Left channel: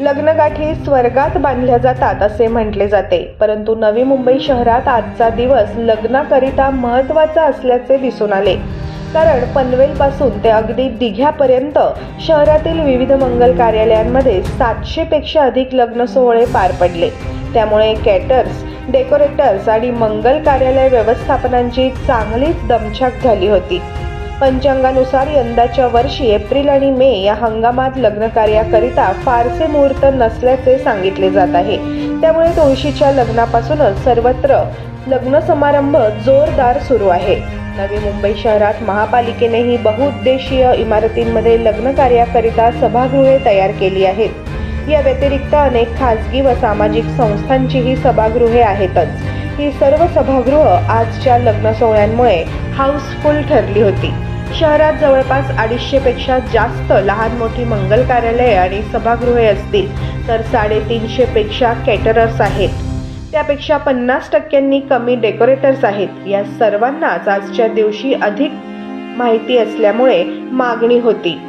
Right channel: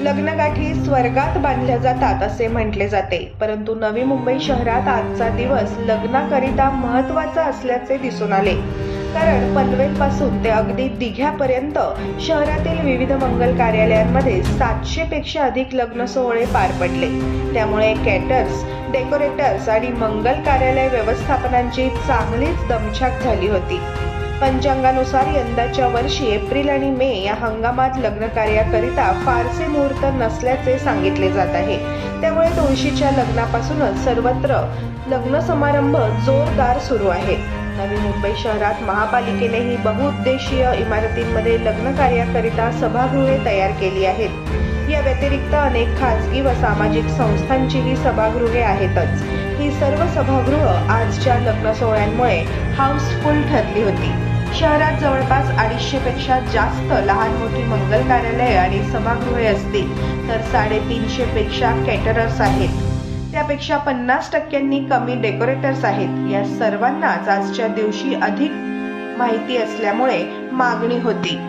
लग्नगाठी स्वर्गात बांधल्या जातात असे म्हटले जाते. परंतु नवी मुंबई शहरात आजचा दिवस लग्नाकरिता महत्त्वाचा असल्याचे दिसून आले. कारण पनवेलपासून ते अगदी दिघ्यापर्यंत शहरातील विविध मंगल कार्यालयांमध्ये सातशे पेक्षा अधिक लग्न सोहळे पार पडले. त्यामुळे कॅटर्स डेकोरेटर्स आणि मंगल कार्यालय व्यवस्थापनांची चांगलीच दमछाक झाली होती. पंचांगानुसार यंदाच्या वर्षी एप्रिल आणि मे या हंगामात लग्न कार्याकरिता फारसे मुहूर्त नसल्याचे सांगितले जात आहे. त्यामुळे तुळशीच्या लग्नापासूनच सर्वत्र लग्न समारंभ जोरदार सुरू आहे. नवी मुंबई शहरात महापालिकेनेही बहुउद्देशीय इमारतींमध्ये लग्न कार्याकरिता सभागृहे तयार केली आहेत. या व्यतिरिक्त अनेक खासगी व सामाजिक संस्थांचीही सभागृहे आहेतच. ही सर्व सभागृह आजच्या लग्न सोहळ्यांमुळे हाऊसफुल ठरली होती. शहरात जवळपास अडीचशेपेक्षा जास्त लहान मोठी मंगल कार्यालये आणि सभागृहे असतील तर साडेतीनशेपेक्षा कॅटरर्स आहेत. त्यापेक्षा पन्नास टक्क्यांनी कमी डेकोरेटर्स आहेत. या सर्वांनाच आजच्या दिवशी अधिक माहिती असल्यामुळे मागणी होती.